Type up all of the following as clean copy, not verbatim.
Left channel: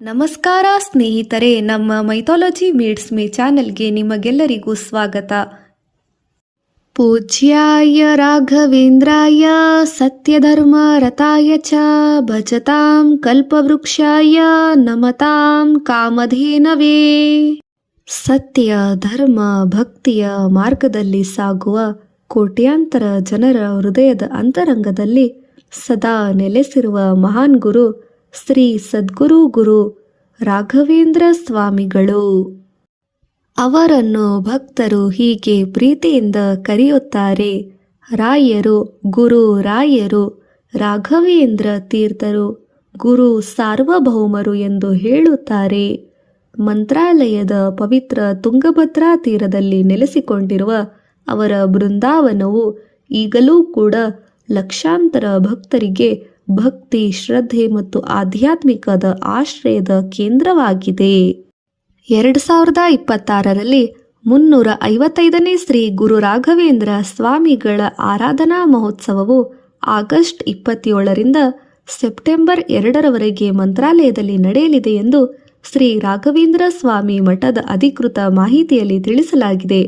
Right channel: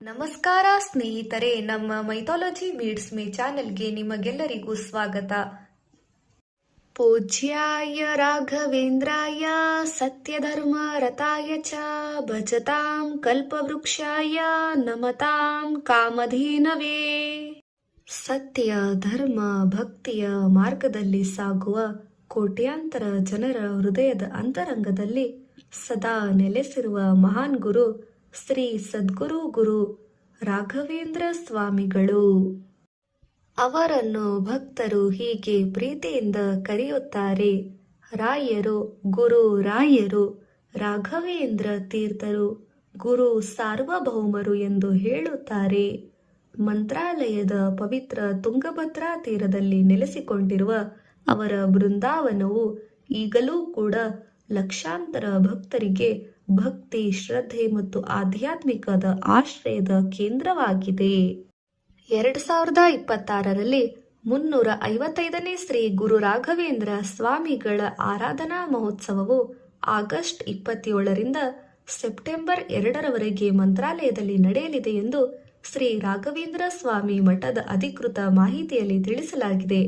ನಮಸ್ಕಾರ ಸ್ನೇಹಿತರೆ, ನಮ್ಮ ಮೈಥಾಲಜಿ ಮೀಡ್ಸ್ ಮೀ ಚಾನೆಲ್ಗೆ ನಿಮಗೆಲ್ಲರಿಗೂ ಸ್ವಾಗತ. ಪೂಜ್ಯಾಯ ರಾಘವೇಂದ್ರಾಯ ಸತ್ಯಧರ್ಮ ರತಾಯ ಚ ಭಜತಾಂ ಕಲ್ಪವೃಕ್ಷಾಯ ನಮತಾಂ ಕಾಮಧೇನವೇ. ಸತ್ಯ, ಧರ್ಮ, ಭಕ್ತಿಯ ಮಾರ್ಗದಲ್ಲಿ ಸಾಗುವ ಕೋಟ್ಯಾಂತರ ಜನರ ಹೃದಯದ ಅಂತರಂಗದಲ್ಲಿ ಸದಾ ನೆಲೆಸಿರುವ ಮಹಾನ್ ಗುರು ಶ್ರೀ ಸದ್ಗುರು ಗುರು ರಾಘವೇಂದ್ರ ಸ್ವಾಮಿಗಳು. ಅವರನ್ನು ಭಕ್ತರು ಹೀಗೆ ಪ್ರೀತಿಯಿಂದ ಕರೆಯುತ್ತಾರೆ: ರಾಯರು, ಗುರು ರಾಯರು, ರಾಘವೇಂದ್ರ ತೀರ್ಥರು, ಗುರು ಸಾರ್ವಭೌಮರು ಎಂದು ಹೇಳುತ್ತಾರೆ. ಮಂತ್ರಾಲಯದ ಪವಿತ್ರ ತುಂಗಭದ್ರಾ ತೀರದಲ್ಲಿ ನೆಲೆಸಿಕೊಂಡಿರುವ ಅವರ ಬೃಂದಾವನವು ಈಗಲೂ ಕೂಡ ಲಕ್ಷಾಂತರ ಭಕ್ತರಿಗೆ ಭಕ್ತಿ, ಶ್ರದ್ಧೆ ಮತ್ತು ಆಧ್ಯಾತ್ಮಿಕದ ಆಶ್ರಯದ ಕೇಂದ್ರವಾಗಿದೆ. 2026ರಲ್ಲಿ 355ನೇ ಶ್ರೀ ಗುರು ರಾಘವೇಂದ್ರ ಸ್ವಾಮಿಗಳ ಆರಾಧನಾ ಮಹೋತ್ಸವವು ಆಗಸ್ಟ್ 27ರಿಂದ ಸೆಪ್ಟೆಂಬರ್ 2ರವರೆಗೆ ಮಂತ್ರಾಲಯದಲ್ಲಿ ನಡೆಯಲಿದೆ ಎಂದು ಶ್ರೀ ರಾಘವೇಂದ್ರ ಸ್ವಾಮಿ ಮಠದ ಅಧಿಕೃತ ಮಾಹಿತಿಯಲ್ಲಿ ತಿಳಿಸಲಾಗಿದೆ.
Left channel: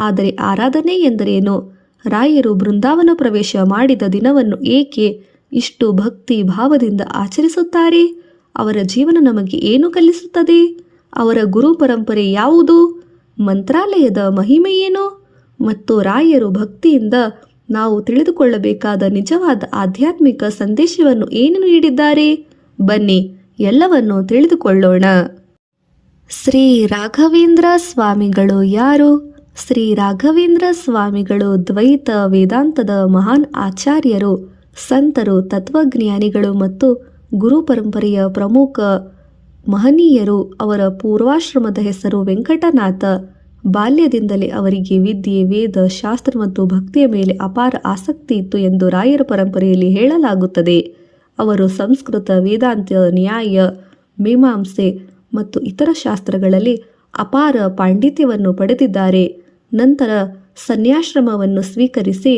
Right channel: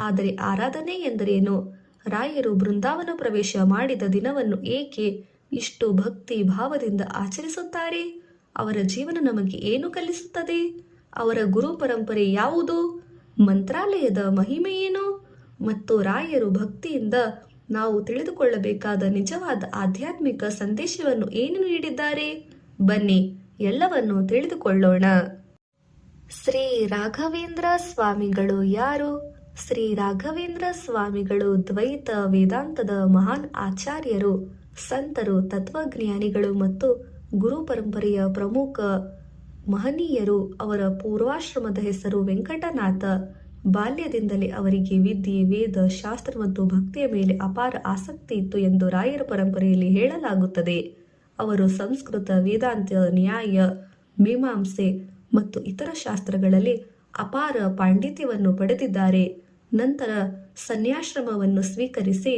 ಆದರೆ ಆರಾಧನೆ ಎಂದರೇನು? ರಾಯರು ಬೃಂದಾವನ ಪ್ರವೇಶ ಮಾಡಿದ ದಿನವನ್ನು ಏಕೆ ಇಷ್ಟು ಭಕ್ತಿ ಭಾವದಿಂದ ಆಚರಿಸುತ್ತಾರೆ? ಅವರ ಜೀವನ ನಮಗೆ ಏನು ಕಲಿಸುತ್ತದೆ? ಅವರ ಗುರು ಪರಂಪರೆ ಯಾವುದು? ಮಂತ್ರಾಲಯದ ಮಹಿಮೆ ಏನು? ಮತ್ತು ರಾಯರು ಭಕ್ತಿಯಿಂದ ನಾವು ತಿಳಿದುಕೊಳ್ಳಬೇಕಾದ ನಿಜವಾದ ಆಧ್ಯಾತ್ಮಿಕ ಸಂದೇಶವನ್ನು ಏನು ನೀಡಿದ್ದಾರೆ? ಬನ್ನಿ, ಎಲ್ಲವನ್ನು ತಿಳಿದುಕೊಳ್ಳೋಣ. ಶ್ರೀ ರಾಘವೇಂದ್ರ ಸ್ವಾಮಿಗಳು ಯಾರು? ಶ್ರೀ ರಾಘವೇಂದ್ರ ಸ್ವಾಮಿಗಳು ದ್ವೈತ ವೇದಾಂತದ ಮಹಾನ್ ಆಚಾರ್ಯರು, ಸಂತರು, ತತ್ವಜ್ಞಾನಿಗಳು ಮತ್ತು ಗುರು ಪರಂಪರೆಯ ಪ್ರಮುಖ ಮಹನೀಯರು. ಅವರ ಪೂರ್ವಾಶ್ರಮದ ಹೆಸರು ವೆಂಕಟನಾಥ. ಬಾಲ್ಯದಿಂದಲೇ ಅವರಿಗೆ ವಿದ್ಯೆ, ವೇದ, ಶಾಸ್ತ್ರ ಮತ್ತು ಭಕ್ತಿಯ ಮೇಲೆ ಅಪಾರ ಆಸಕ್ತಿ ಇತ್ತು ಎಂದು ರಾಯರ ಪರಂಪರೆಯಲ್ಲಿ ಹೇಳಲಾಗುತ್ತದೆ. ಅವರು ಸಂಸ್ಕೃತ, ವೇದಾಂತ, ನ್ಯಾಯ, ಮೀಮಾಂಸೆ ಮತ್ತು ಇತರ ಶಾಸ್ತ್ರಗಳಲ್ಲಿ ಅಪಾರ ಪಾಂಡಿತ್ಯವನ್ನು ಪಡೆದಿದ್ದಾರೆ. ನಂತರ ಸನ್ಯಾಶ್ರಮವನ್ನು ಸ್ವೀಕರಿಸಿ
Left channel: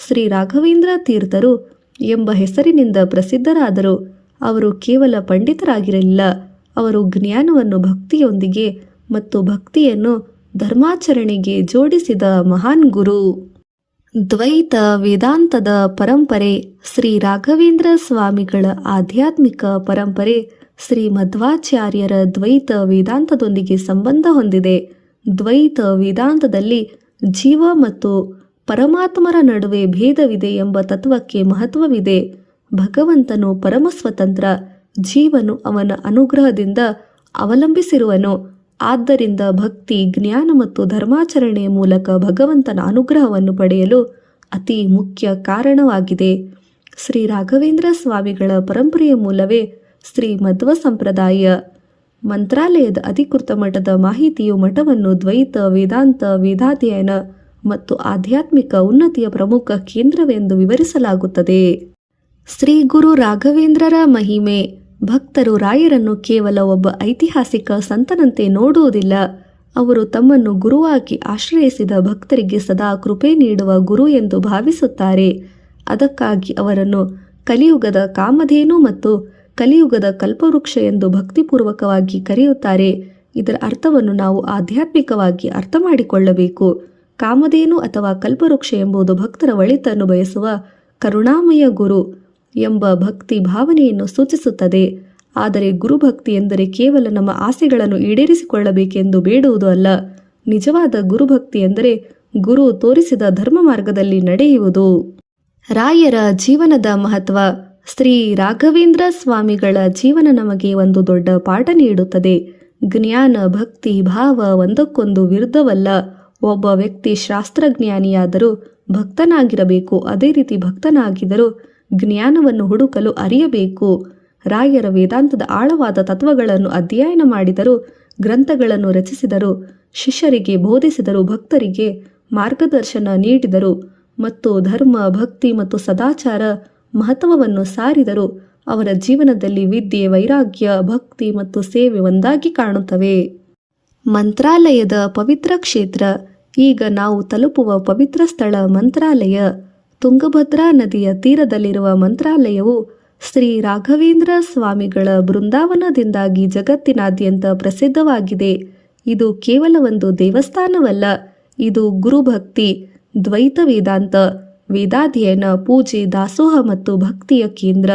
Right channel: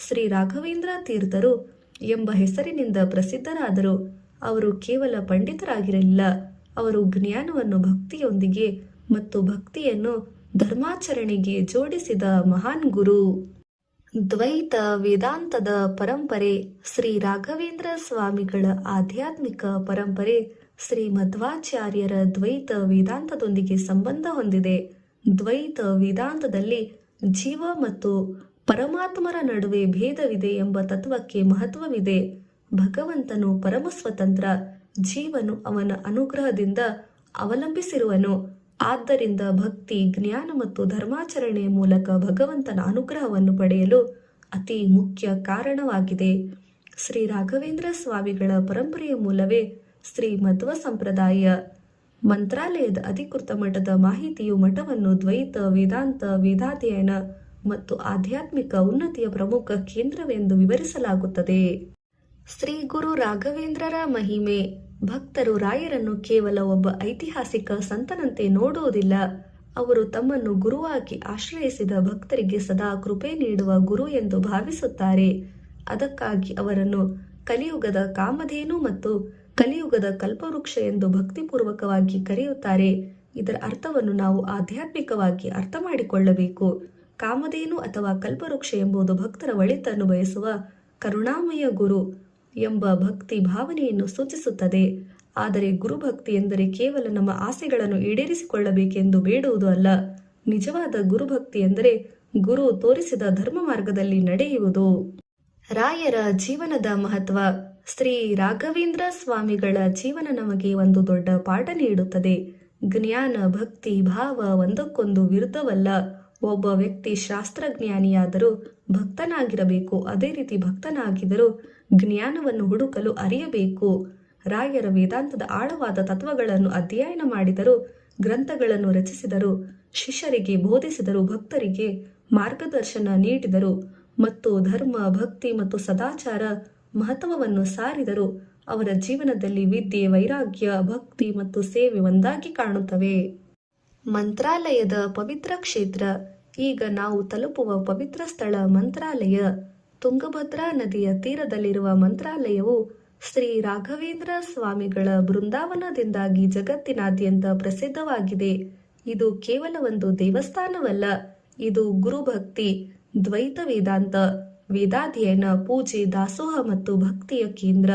ಶ್ರೀ ರಾಘವೇಂದ್ರ ತೀರ್ಥರು ಎಂಬ ಹೆಸರಿನಿಂದ ಪ್ರಸಿದ್ಧರಾದರು. ಅವರು ಕೇವಲ ಪಂಡಿತರಾಗಿರಲಿಲ್ಲ, ಅವರು ಜ್ಞಾನವನ್ನು ಭಕ್ತಿಯೊಂದಿಗೆ ಮತ್ತು ಭಕ್ತಿಯನ್ನು ಧರ್ಮಾಚರಣೆಗೆ ಜೋಡಿಸಿದ ಮಹಾನ್ ಗುರು. ದ್ವೈತ ವೇದಾಂತದ ಪರಂಪರೆ. ಶ್ರೀ ರಾಘವೇಂದ್ರ ಸ್ವಾಮಿಗಳ ಆಧ್ಯಾತ್ಮಿಕ ಪರಂಪರೆ ಶ್ರೀ ಮಧ್ವಾಚಾರ್ಯರ ದ್ವೈತ ವೇದಾಂತದೊಂದಿಗೆ ಸಂಬಂಧ ಹೊಂದಿದೆ. ದ್ವೈತ ವೇದಾಂತದಲ್ಲಿ ಜೀವ ಮತ್ತು ಪರಮಾತ್ಮರ ನಡುವೆ ಭೇದವಿದೆ ಎಂಬ ತತ್ವಕ್ಕೆ ಮಹತ್ವವಿದೆ. ಭಗವಂತನು ಪರಮ ಸ್ವತಂತ್ರ, ಜೀವನು ಅವನ ಅನುಗ್ರಹದಿಂದ ಅವಲಂಬಿಸಿರುವನು. ಆದ್ದರಿಂದ ಭಕ್ತಿ, ಜ್ಞಾನ ಮತ್ತು ಧರ್ಮಾಚರಣೆಯ ಮೂಲಕ ಭಗವಂತನ ಅನುಗ್ರಹವನ್ನು ಪಡೆಯಲು ಅತಿ ಮುಖ್ಯ ಕಾರಣವಾಗಿದೆ. ಶ್ರೀ ರಾಘವೇಂದ್ರ ಸ್ವಾಮಿಗಳ ಪರಂಪರೆಯ ಮೂಲವೇ ಶ್ರೀ ಮಧ್ವ ಸಂಪ್ರದಾಯ. ಮಂತ್ರಾಲಯದ ಅಧಿಕೃತ ಮಠದ ಮಾಹಿತಿಯು ಮಠವನ್ನು ದ್ವೈತ ವೇದಾಂತ, ವೇದಾಧ್ಯಯನ ಮತ್ತು ಆಧ್ಯಾತ್ಮಿಕ ಉನ್ನತಿಯ ಪ್ರಮುಖ ಕೇಂದ್ರವೆಂದು ವಿವರಿಸಲಾಗುತ್ತದೆ. ಶ್ರೀ ಗುರು ರಾಘವೇಂದ್ರರ ಮಹಿಮೆ. ಭಕ್ತರು ರಾಯರನ್ನು ಕೇವಲ ಒಬ್ಬ ಐತಿಹಾಸಿಕ ಸಂತನಂತೆ ನೋಡುವುದಿಲ್ಲ. ಅವರು ತಮ್ಮನ್ನು ಗುರುವಾಗಿ ಆಶ್ರಯಿಸಿದ ಭಕ್ತರಿಗೆ ಸದಾ ಕೃಪೆ ನೀಡುವ ಗುರು ಎಂದು ಭಾವಿಸುತ್ತಾರೆ. ಅದಕ್ಕಾಗಿ ಅವರನ್ನು ಕಲಿಯುಗದ ಕಾಮಧೇನು ಮತ್ತು ಕಲಿಯುಗದ ಕಲ್ಪವೃಕ್ಷ ಎಂದು ಭಕ್ತಿಪೂರ್ವಕವಾಗಿ ಕರೆಯುತ್ತಾರೆ. ಇದರ ಅರ್ಥವನ್ನು ನಾವು ಆಧ್ಯಾತ್ಮಿಕವಾಗಿ ಅರ್ಥ ಮಾಡಿಕೊಳ್ಳಬೇಕು. ಕಾಮಧೇನು ಅಥವಾ ಕಲ್ಪವೃಕ್ಷ ಎಂಬುದು ಭಕ್ತರ ಒಳಿತನ್ನು ಬಯಸುವ ಕರುಣಾಮಯ ಗುರು ಎಂಬ ಭಕ್ತಿ ಭಾವನೆಯನ್ನು ಸೂಚಿಸುತ್ತದೆ. ಆದರೆ ಗುರುಭಕ್ತಿ ಎಂದರೆ ಕೇವಲ ನಮ್ಮ ಆಸೆಗಳನ್ನು ಈಡೇರಿಸಿಕೊಳ್ಳಬೇಕೆಂದು ಬೇಡುವುದು ಅಲ್ಲ. ನಿಜವಾದ ಗುರುಭಕ್ತಿ ಎಂದರೆ ಗುರು ತೋರಿಸಿದ ಧರ್ಮ ಮಾರ್ಗದಲ್ಲಿ ನಡೆಯುವುದು. ರಾಯರ ಜೀವನದ ಮಹತ್ವ. ಶ್ರೀ ರಾಘವೇಂದ್ರ ಸ್ವಾಮಿಗಳ ಜೀವನ ನಮಗೆ ಒಂದು ದೊಡ್ಡ ಪಾಠ ನೀಡುತ್ತದೆ. ಜ್ಞಾನ, ಭಕ್ತಿ, ಭಾವ ಒಂದಕ್ಕೊಂದು ವಿರುದ್ಧವಲ್ಲ. ಒಬ್ಬ ವ್ಯಕ್ತಿ ಶಾಸ್ತ್ರಜ್ಞಾನಿಯಾದರೂ ಭಕ್ತನಾಗಿರಬೇಕು. ಅದೇ ರೀತಿ ಭಕ್ತನಾಗಿದ್ದರೂ ಜ್ಞಾನವನ್ನು ಹುಡುಕಲು ಅರಿಯಬೇಕು. ರಾಯರ ವೇದಾಂತದ ಆಳವಾದ ತತ್ವಗಳನ್ನು ಅಧ್ಯಯನ ಮಾಡಿದರು, ಗ್ರಂಥಗಳನ್ನು ರಚಿಸಿದರು, ಶಿಷ್ಯರಿಗೆ ಬೋಧಿಸಿದರು, ಭಕ್ತರಿಗೆ ಮಾರ್ಗದರ್ಶನ ನೀಡಿದರು ಮತ್ತು ಧರ್ಮ, ಭಕ್ತಿ ಮತ್ತು ಸದಾಚಾರ ಮಹತ್ವವನ್ನು ಸಾರಿದರು. ಅವರ ಜೀವನದಲ್ಲಿ ವಿದ್ಯೆ, ವೈರಾಗ್ಯ, ಭಕ್ತಿ ಮತ್ತು ಸೇವೆ ಒಂದಾಗಿ ಕಾಣುತ್ತವೆ. ಮಂತ್ರಾಲಯದ ಪವಿತ್ರ ಕ್ಷೇತ್ರ. ಈಗ ನಾವು ತಲುಪುವ ಪವಿತ್ರ ಸ್ಥಳ ಮಂತ್ರಾಲಯ. ತುಂಗಭದ್ರಾ ನದಿಯ ತೀರದಲ್ಲಿರುವ ಮಂತ್ರಾಲಯವು ಶ್ರೀ ರಾಘವೇಂದ್ರ ಸ್ವಾಮಿಗಳ ಬೃಂದಾವನದಿಂದಾಗಿ ಜಗತ್ತಿನಾದ್ಯಂತ ಪ್ರಸಿದ್ಧವಾಗಿದೆ. ಇದು ಕೇವಲ ಒಂದು ದೇವಸ್ಥಾನವಲ್ಲ, ಇದು ಗುರುಭಕ್ತಿ, ದ್ವೈತ ವೇದಾಂತ, ವೇದಾಧ್ಯಯನ, ಪೂಜೆ, ದಾಸೋಹ ಮತ್ತು ಭಕ್ತಿಯ ಕೇಂದ್ರ.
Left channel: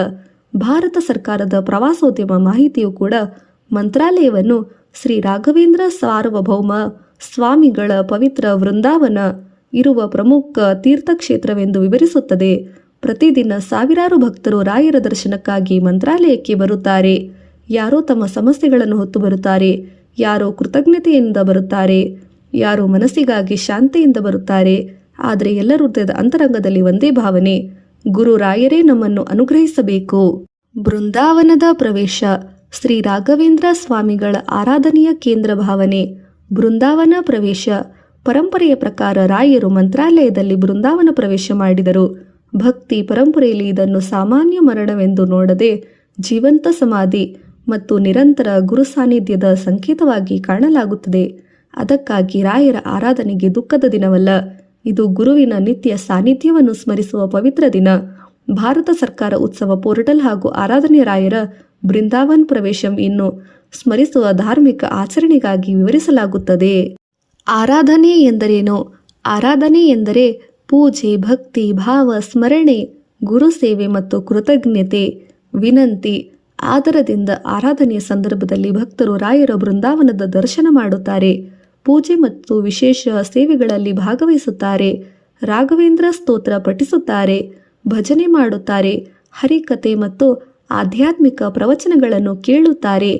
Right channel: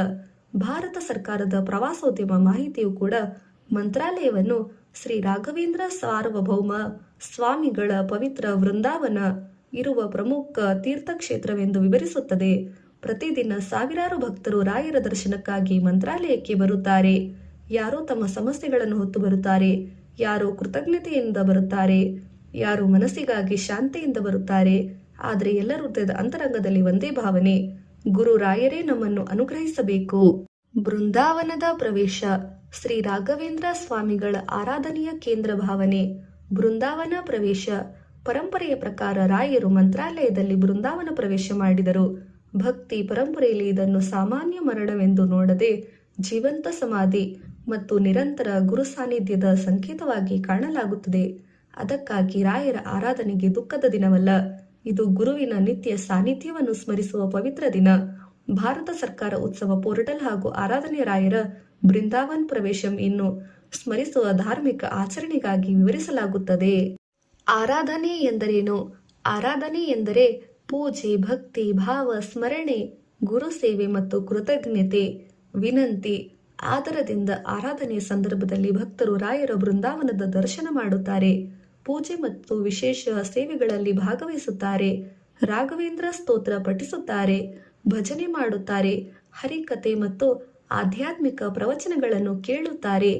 ಭಾರತ ಸರ್ಕಾರದ ಪ್ರವಾಸೋದ್ಯಮ ಮಾಹಿತಿಯು ಕೂಡ ಮಂತ್ರಾಲಯವನ್ನು ಶ್ರೀ ರಾಘವೇಂದ್ರ ಸಾರ್ವಭೌಮ ಸ್ವಾಮಿಗಳ ಪವಿತ್ರ ವೃಂದಾವನ ಇರುವ ಪ್ರಮುಖ ತೀರ್ಥಕ್ಷೇತ್ರವೆಂದು ವಿವರಿಸುತ್ತದೆ. ಪ್ರತಿದಿನ ಸಾವಿರಾರು ಭಕ್ತರು ರಾಯರ ದರ್ಶನಕ್ಕಾಗಿ ಮಂತ್ರಾಲಯಕ್ಕೆ ಬರುತ್ತಾರೆ. ಯಾರೋ ತಮ್ಮ ಸಮಸ್ಯೆಗಳನ್ನು ಹೊತ್ತು ಬರುತ್ತಾರೆ, ಯಾರೋ ಕೃತಜ್ಞತೆಯಿಂದ ಬರುತ್ತಾರೆ, ಯಾರೋ ಮನಸ್ಸಿಗಾಗಿ ಶಾಂತಿಯಿಂದ ಬರುತ್ತಾರೆ. ಆದರೆ ಎಲ್ಲರ ಹೃದಯದ ಅಂತರಂಗದಲ್ಲಿ ಒಂದೇ ಭಾವನೆ, ಗುರು ರಾಯರೇ ನಮ್ಮನ್ನು ಅನುಗ್ರಹಿಸಬೇಕು. ಬೃಂದಾವನದ ಪ್ರವೇಶ. ಶ್ರೀ ರಾಘವೇಂದ್ರ ಸ್ವಾಮಿಗಳ ಆರಾಧನೆಯ ಕೇಂದ್ರ ಭಾವನೆ. ಬೃಂದಾವನ ಪ್ರವೇಶ. ಪರಂಪರೆಯ ಪ್ರಕಾರ ರಾಯರು ಮಂತ್ರಾಲಯದಲ್ಲಿ ಬೃಂದಾವನ ಪ್ರವೇಶ ಮಾಡಿದರು. ಭಕ್ತಿ ಪರಂಪರೆಯಲ್ಲಿ ಇದನ್ನು ಸಾಮಾನ್ಯ ಮರಣವೆಂದು ನೋಡದೆ ಜೀವಂತ ಸಮಾಧಿ ಮತ್ತು ನಿರಂತರ ಗುರು ಸಾನ್ನಿಧ್ಯದ ಸಂಕೇತವಾಗಿ ಕಾಣಲಾಗುತ್ತದೆ. ಅದಕ್ಕಾಗಿ ರಾಯರ ಆರಾಧನೆಗೆ ದುಃಖದ ದಿನವಲ್ಲ, ಇದು ಗುರುವಿನ ನಿತ್ಯ ಸಾನ್ನಿಧ್ಯವನ್ನು ಸ್ಮರಿಸುವ ಪವಿತ್ರ ದಿನ. ಭಾರತ ಸರ್ಕಾರ ಉತ್ಸವ ಪೋರ್ಟಲ್ ಹಾಗೂ ಆರಾಧನೆಯ ರಾಯರ ಬೃಂದಾವನ್ ಪ್ರವೇಶಂ ಇನ್ನು ಸ್ಮರಿಸುವ ಧಾರ್ಮಿಕ ಆಚರಣೆಗಾಗಿ ವಿವರಿಸಲಾಗುತ್ತದೆ. ಆರಾಧನೆ ಎಂದರೇನು? ಆರಾಧನೆ ಎಂದರೆ ಪೂಜೆ, ಭಕ್ತಿ, ಭಾವ, ಸ್ಮರಣೆ, ಗುರು ಸೇವೆ ಮತ್ತು ಕೃತಜ್ಞತೆ, ವಿನಂತಿ, ಆದರದಿಂದ ಆರಾಧನೆಯ ಸಂದರ್ಭದಲ್ಲಿ ಭಕ್ತರು ರಾಯರ ಬೃಂದಾವನದ ದರ್ಶನ ಮಾಡುತ್ತಾರೆ. ಪೂಜೆ ಮತ್ತು ವಿಶೇಷ ಸೇವೆಗಳಲ್ಲಿ ಭಾಗವಹಿಸುತ್ತಾರೆ. ರಾಘವೇಂದ್ರ ಸ್ತೋತ್ರ ಪಠಿಸುತ್ತಾರೆ, ಭಜನೆ ಮಾಡುತ್ತಾರೆ, ಹರಿಕತೆ ಮತ್ತು ಆಧ್ಯಾತ್ಮಿಕ ಪ್ರವಚನಗಳನ್ನು ಕೇಳುತ್ತಾರೆ,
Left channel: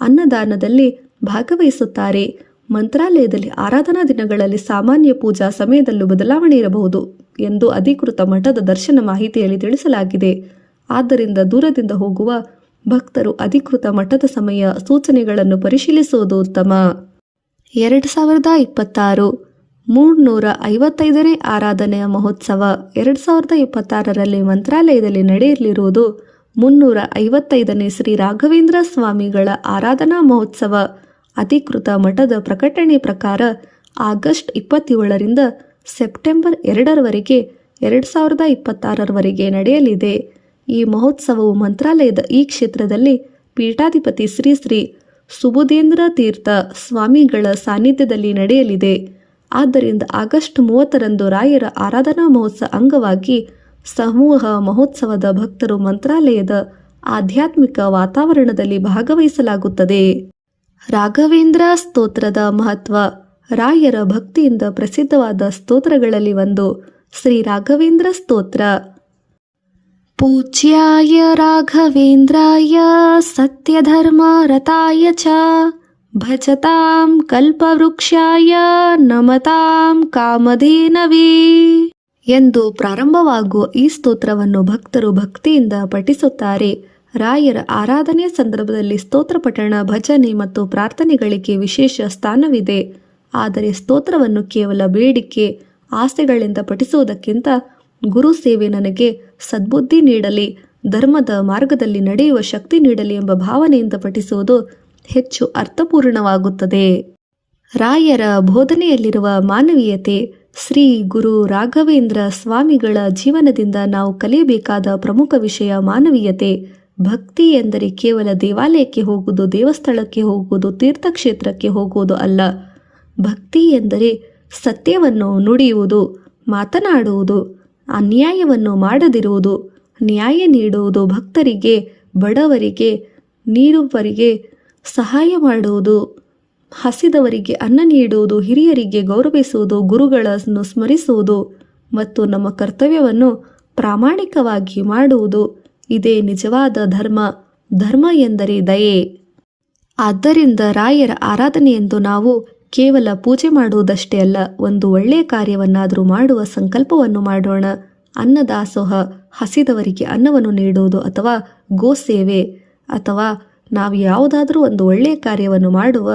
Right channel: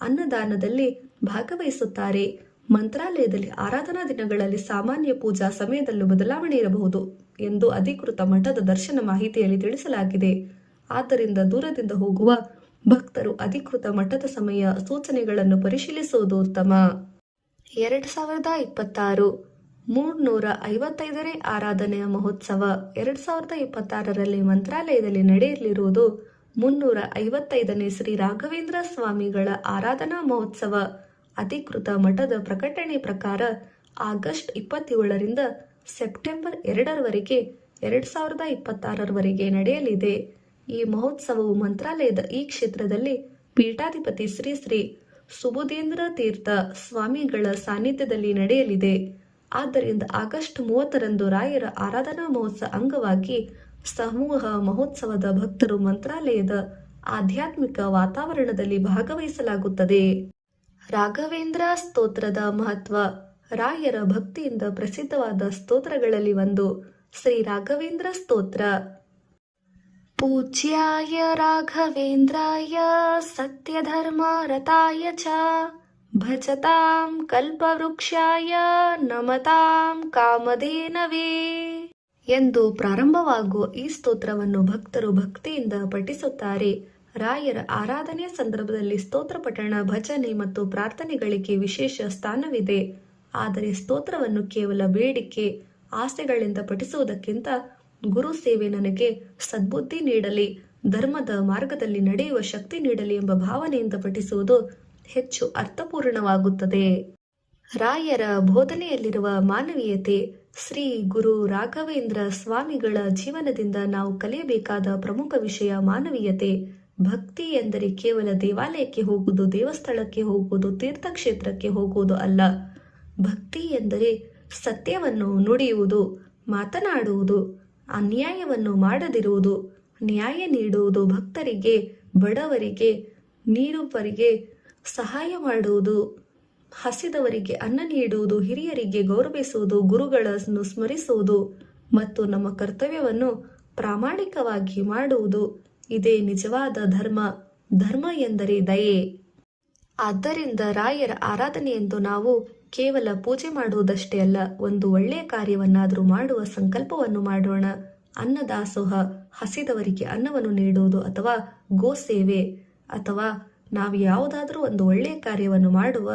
ಅನ್ನದಾನದಲ್ಲಿ ಭಾಗವಹಿಸುತ್ತಾರೆ. ಮಂತ್ರಾಲಯದಲ್ಲಿ ಆರಾಧನಾ ದಿನಗಳಲ್ಲಿ ಸಾಮಾನ್ಯ ಪೂಜಾ ಸಮಯದಲ್ಲೂ ಬದಲಾವಣೆ ಇರಬಹುದು ಎಂದು ಅಧಿಕೃತ ಮಠದ ದರ್ಶನ ಮಾಹಿತಿಯಲ್ಲಿ ತಿಳಿಸಲಾಗಿದೆ. ಆದ್ದರಿಂದ ದೂರದಿಂದ ಹೋಗುವ ಭಕ್ತರು ಅಧಿಕೃತ ಮಠದ ಸಮಯ ಸೂಚನೆಗಳನ್ನು ಪರಿಶೀಲಿಸುವುದು ಉತ್ತಮ. 2026 355ನೇ ಆರಾಧನೆಯ ಮಹೋತ್ಸವ. 2026ರಲ್ಲಿ ಮಂತ್ರಾಲಯದಲ್ಲಿ ನಡೆಯಲಿರುವುದು 355ನೇ ಶ್ರೀ ರಾಘವೇಂದ್ರ ಸ್ವಾಮಿಗಳ ಆರಾಧನಾ ಮಹೋತ್ಸವ. ಅಧಿಕೃತ ಮಠದ ಪ್ರಕಟಣೆ ಪ್ರಕಾರ ಆಗಸ್ಟ್ 27ರಿಂದ ಸೆಪ್ಟೆಂಬರ್ 2ರವರೆಗೆ 2026ರವರೆಗೆ ನಡೆಯಲಿದೆ. ಈ ಮಹೋತ್ಸವವು ಮಂತ್ರಾಲಯದ ಈ ಕ್ಷೇತ್ರದಲ್ಲಿ ಪೀಠಾಧಿಪತಿ ಶ್ರೀ ಶ್ರೀ ಸುಬುಧೇಂದ್ರ ತೀರ್ಥ ಸ್ವಾಮಿಗಳ ಸಾನ್ನಿಧ್ಯದಲ್ಲಿ ನಡೆಯಲಿದೆ. ಆದ್ದರಿಂದ ಆಗಸ್ಟ್ 30ರಂದು ರಾಯರ ಆರಾಧನಾ ಮಹೋತ್ಸವ ಅಂಗವಾಗಿ ಸಮೂಹ ಮಹೋತ್ಸವದ ಭಕ್ತರು ಮಂತ್ರಾಲಯದ ಆಧ್ಯಾತ್ಮಿಕ ವಾತಾವರಣದಲ್ಲಿ ಭಾಗವಹಿಸಲಾಗುತ್ತದೆ. ರಾಘವೇಂದ್ರ ಸ್ತೋತ್ರದ ಮಹತ್ವ. ರಾಯರ ಭಕ್ತಿಯಿಂದ ಪ್ರಸಿದ್ಧವಾದ ಸ್ತೋತ್ರಗಳಲ್ಲಿ ಒಂದು ಶ್ರೀ ರಾಘವೇಂದ್ರ ಸ್ತೋತ್ರ. ಪೂಜ್ಯಾಯ ರಾಘವೇಂದ್ರಾಯ ಸತ್ಯಧರ್ಮ ರತಾಯ ಚ ಭಜತಾಂ ಕಲ್ಪವೃಕ್ಷಾಯ ನಮತಾಂ ಕಾಮಧೇನವೇ ಎಂದು ಪ್ರಾರಂಭವಾಗುವ ಈ ಸ್ತೋತ್ರವನ್ನು ಭಕ್ತರು ಭಕ್ತಿಯಿಂದ ಪಠಿಸುತ್ತಾರೆ. ರಾಯರ ಆರಾಧನೆಯ ಸಂದರ್ಭದಲ್ಲಿ ಸ್ತೋತ್ರ ಪಠಣ, ಭಜನೆ ಮತ್ತು ಪ್ರಾರ್ಥನೆಗಳಿಗೆ ವಿಶೇಷ ಸ್ಥಾನವಿದೆ. ಆದರೆ ಸ್ತೋತ್ರವನ್ನು ಕೇವಲ ಬೇಡಿಕೆ, ಆಸೆಗಳಿಂದ ಪಠಿಸುವುದಕ್ಕಿಂತ ಗುರು ಸೇವೆ ನನಗೆ ಸದ್ಬುದ್ಧಿ ನೀಡಲಿ, ಧರ್ಮದ ಮಾರ್ಗದಲ್ಲಿ ನಡೆಯುವ ಶಕ್ತಿ ನೀಡಲಿ ಎಂಬ ಭಾವನೆಯಿಂದ ಪಠಿಸುವುದು ಹೆಚ್ಚು ಅರ್ಥಪೂರ್ಣವಾಗುತ್ತದೆ. ರಾಯರ ಬೋಧನೆಯಲ್ಲಿರುವ ಮಾನವೀಯತೆ. ಶ್ರೀ ಗುರು ರಾಘವೇಂದ್ರ ಸ್ವಾಮಿಗಳ ಜೀವನದಿಂದ ನಾವು ಕಲಿಯಬೇಕಾದ ಪ್ರಮುಖ ವಿಷಯ ಮಾನವೀಯತೆ. ಭಕ್ತಿ ಎಂದರೆ ಕೇವಲ ದೇವಾಲಯಕ್ಕೆ ಹೋಗುವುದು, ದೇವಸ್ಥಳಕ್ಕೆ ಹೋಗುವುದು, ತೀರ್ಥಕ್ಷೇತ್ರಕ್ಕೆ ಹೋಗುವುದು ಅಲ್ಲ. ಭಕ್ತಿ ಎಂದರೆ ಸತ್ಯವನ್ನು ನುಡಿಯುವುದು, ಮಾತನಾಡುವುದು, ಅನ್ಯಾಯವನ್ನು ಮಾಡದಿರುವುದು, ನ್ಯಾಯ ನೀಡುವುದು, ಭಕ್ತರಿಗೆ, ಬಡವರಿಗೆ, ನೀಡುವವರಿಗೆ ಸಹಾಯ ಮಾಡುವುದು, ಹಸಿದವರಿಗೆ ಅನ್ನ ನೀಡುವುದು, ಹಿರಿಯರಿಗೆ ಗೌರವಿಸುವುದು, ಗುರುಗಳನ್ನು ಸ್ಮರಿಸುವುದು ಮತ್ತು ನಮ್ಮ ಕರ್ತವ್ಯವನ್ನು ಪ್ರಾಮಾಣಿಕವಾಗಿ ಮಾಡುವುದು. ಇದೇ ನಿಜವಾದ ಧರ್ಮ. ಧರ್ಮ ಎಂದರೆ ದಯೆ. ಆದ್ದರಿಂದ ರಾಯರ ಆರಾಧನೆಯೆಂದು ನಾವು ಕೇವಲ ಪೂಜೆ ಮಾಡುವುದಷ್ಟೇ ಅಲ್ಲ, ಒಂದು ಒಳ್ಳೆಯ ಕಾರ್ಯವನ್ನಾದರೂ ಮಾಡುವ ಸಂಕಲ್ಪವನ್ನು ಮಾಡೋಣ. ಅನ್ನದಾಸೋಹ, ಹಸಿದವರಿಗೆ ಅನ್ನವನ್ನು ನೀಡುವುದು, ಅಥವಾ ಗೋಸೇವೆ, ಅಥವಾ ನಾವು ಯಾವುದಾದರೂ ಒಂದು ಒಳ್ಳೆಯ ಕಾರ್ಯವನ್ನು ಮಾಡುವ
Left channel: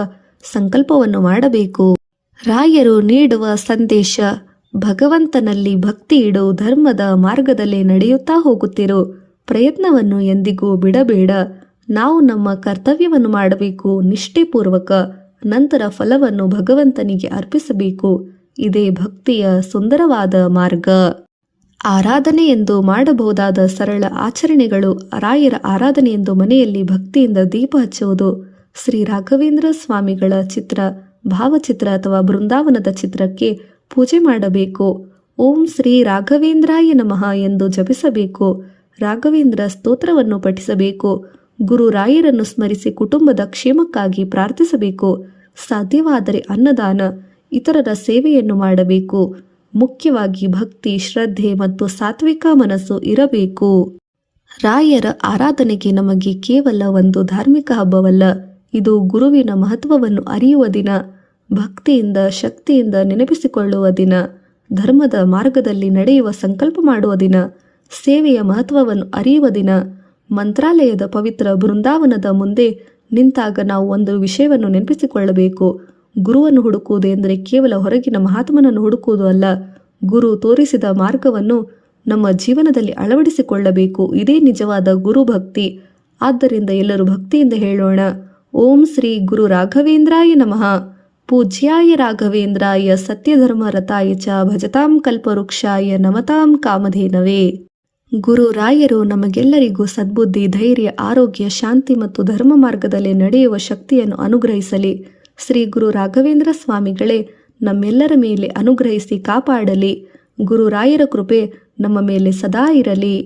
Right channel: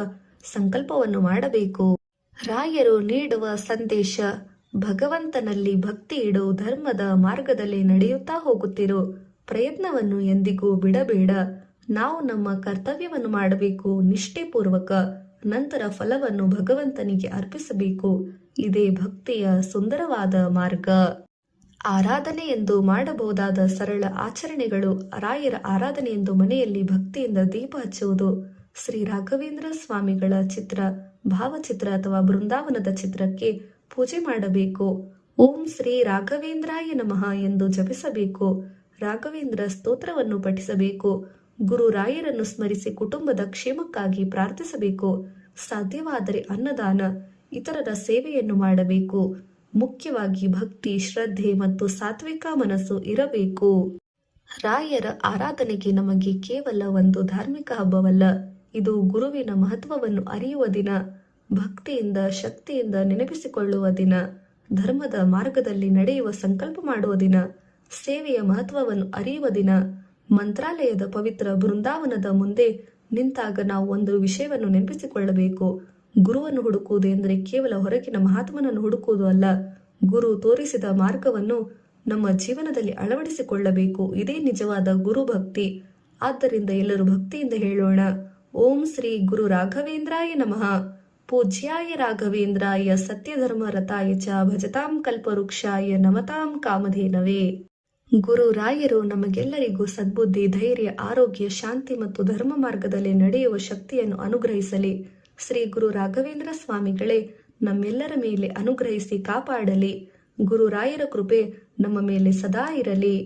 ಸಂಕಲ್ಪವನ್ನು ಮಾಡಬೇಕು. ರಾಯರು ನೀಡುವ ಸಂದೇಶ. ಭಗವಂತನಲ್ಲಿ ಭಕ್ತಿ ಇಡು, ಧರ್ಮದ ಮಾರ್ಗದಲ್ಲಿ ನಡೆಯುತ್ತಾ ಹೋಗುತ್ತಿರು, ಪ್ರಯತ್ನವನ್ನು ಎಂದಿಗೂ ಬಿಡಬೇಡ. ನಾವು ನಮ್ಮ ಕರ್ತವ್ಯವನ್ನು ಮಾಡಬೇಕು ನಿಷ್ಠೆಪೂರ್ವಕ, ನಂತರ ಫಲವನ್ನು ಭಗವಂತನಿಗೆ ಅರ್ಪಿಸಬೇಕು. ಇದೇ ಭಕ್ತಿಯ ಸುಂದರವಾದ ಮಾರ್ಗ. ಆರಾಧನೆ ಎಂದು ಮಾಡಬಹುದಾದ ಸರಳ ಆಚರಣೆಗಳು. ರಾಯರ ಆರಾಧನೆ ಎಂದು ಮನೆಯಲ್ಲಿ ಭಕ್ತಿಯಿಂದ ದೀಪ ಹಚ್ಚುವುದು, ಶ್ರೀ ರಾಘವೇಂದ್ರ ಸ್ವಾಮಿಗಳ ಚಿತ್ರ, ಭಾವಚಿತ್ರ ಅಥವಾ ಬೃಂದಾವನದ ಚಿತ್ರಕ್ಕೆ ಪೂಜೆ ಮಾಡಬೇಕು. ಓಂ ಶ್ರೀ ರಾಘವೇಂದ್ರಾಯ ನಮಃ ಎಂದು ಜಪಿಸಬೇಕು. ರಾಘವೇಂದ್ರ ಸ್ತೋತ್ರವನ್ನು ಪಠಿಸಬೇಕು. ಗುರು ರಾಯರನ್ನು ಸ್ಮರಿಸಿ ಕುಟುಂಬದ ಕ್ಷೇಮಕ್ಕಾಗಿ ಪ್ರಾರ್ಥಿಸಬೇಕು. ಸಾಧ್ಯವಾದರೆ ಅನ್ನದಾನ, ಇತರರ ಸೇವೆಯನ್ನು ಮಾಡಬೇಕು. ಮುಖ್ಯವಾಗಿ ಭಕ್ತಿ, ಶ್ರದ್ಧೆ ಮತ್ತು ಸಾತ್ವಿಕ ಮನಸ್ಸು ಇರಬೇಕು. ರಾಯರ ಆರಾಧನೆಗೆ ನಮಗೆ ಕೇವಲ ಒಂದು ಧಾರ್ಮಿಕ ಹಬ್ಬವಲ್ಲ, ಇದು ಗುರುವಿನ ಮಹತ್ವವನ್ನು ಅರಿಯುವ ದಿನ, ಭಕ್ತಿಯಿಂದ ಶಕ್ತಿಯಿಂದ ನೆನಪಿಸಿಕೊಳ್ಳುವ ದಿನ, ಧರ್ಮದ ಮಾರ್ಗದಲ್ಲಿ ನಡೆಯುವ ಸಂಕಲ್ಪ ಮಾಡುವ ದಿನ, ಸೇವೆಯ ಮಹತ್ವವನ್ನು ಅರಿಯುವ ದಿನ. ಮಂತ್ರಾಲಯದ ಪವಿತ್ರ ಬೃಂದಾವನದ ಮುಂದೆ ನಿಂತಾಗ ನಾವು ಒಂದು ವಿಷಯವನ್ನು ನೆನಪಿಸಿಕೊಳ್ಳಬೇಕು. ಗುರುವನ್ನು ಹುಡುಕುವುದು ಎಂದರೆ ಕೇವಲ ಹೊರಗಿನ ಮಹಾತ್ಮನನ್ನು ಹುಡುಕುವುದು ಅಲ್ಲ, ಗುರು ತೋರಿಸಿದ ಮಾರ್ಗವನ್ನು ನಮ್ಮ ಜೀವನದಲ್ಲಿ ಅಳವಡಿಸಿಕೊಳ್ಳಬೇಕು. ಇದೇ ನಿಜವಾದ ಗುರು ಭಕ್ತಿ. ಆದ್ದರಿಂದ ಎಲ್ಲರೂ ಭಕ್ತಿಯಿಂದ ಹೇಳೋಣ, ಓಂ ಶ್ರೀ ಗುರು ರಾಘವೇಂದ್ರಾಯ ನಮಃ. ಪೂಜ್ಯಾಯ ರಾಘವೇಂದ್ರಾಯ ಸತ್ಯಧರ್ಮ ರತಾಯ ಚ ಭಜತಾಂ ಕಲ್ಪವೃಕ್ಷಾಯ ನಮತಾಂ ಕಾಮಧೇನವೇ. ಗುರು ರಾಯರು ನಮಗೆಲ್ಲರಿಗೂ ಸದ್ಬುದ್ಧಿ, ಧೈರ್ಯ, ಆರೋಗ್ಯ, ಶಾಂತಿ ಮತ್ತು ಧರ್ಮ ಮಾರ್ಗದಲ್ಲಿ ನಡೆಯುವ ಶಕ್ತಿಯನ್ನು ಅನುಗ್ರಹಿಸಲಿ. ಶ್ರೀ ಗುರು ರಾಘವೇಂದ್ರ ಸ್ವಾಮಿಗಳೇ ನಮ್ಮೆಲ್ಲರ ಮೇಲೆ ಅನುಗ್ರಹಿಸಿ ಕಾಪಾಡಲಿ. ಗುರು ರಾಯರ ಕೃಪೆ ನಮ್ಮ ಮೇಲೆ ಸದಾ ಇರಲಿ.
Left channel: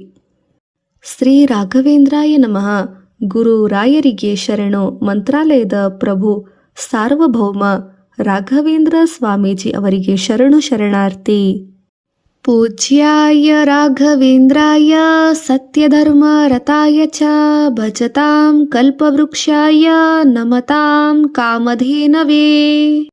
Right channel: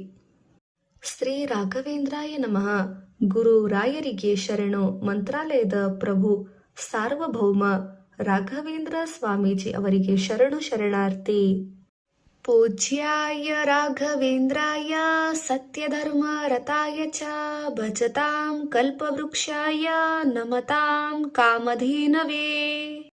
ಶ್ರೀ ರಾಘವೇಂದ್ರಾಯ ನಮಃ. ಗುರು ರಾಯರಿಗೆ ಶರಣು. ಮಂತ್ರಾಲಯದ ಪ್ರಭು ಸಾರ್ವಭೌಮ ರಾಘವೇಂದ್ರ ಸ್ವಾಮೀಜಿ ಅವರಿಗೆ ಶರಣು ಶರಣಾರ್ಥಿ. ಪೂಜ್ಯಾಯ ರಾಘವೇಂದ್ರಾಯ ಸತ್ಯಧರ್ಮ ರತಾಯ ಚ ಭಜತಾಂ ಕಲ್ಪವೃಕ್ಷಾಯ ನಮತಾಂ ಕಾಮಧೇನವೇ.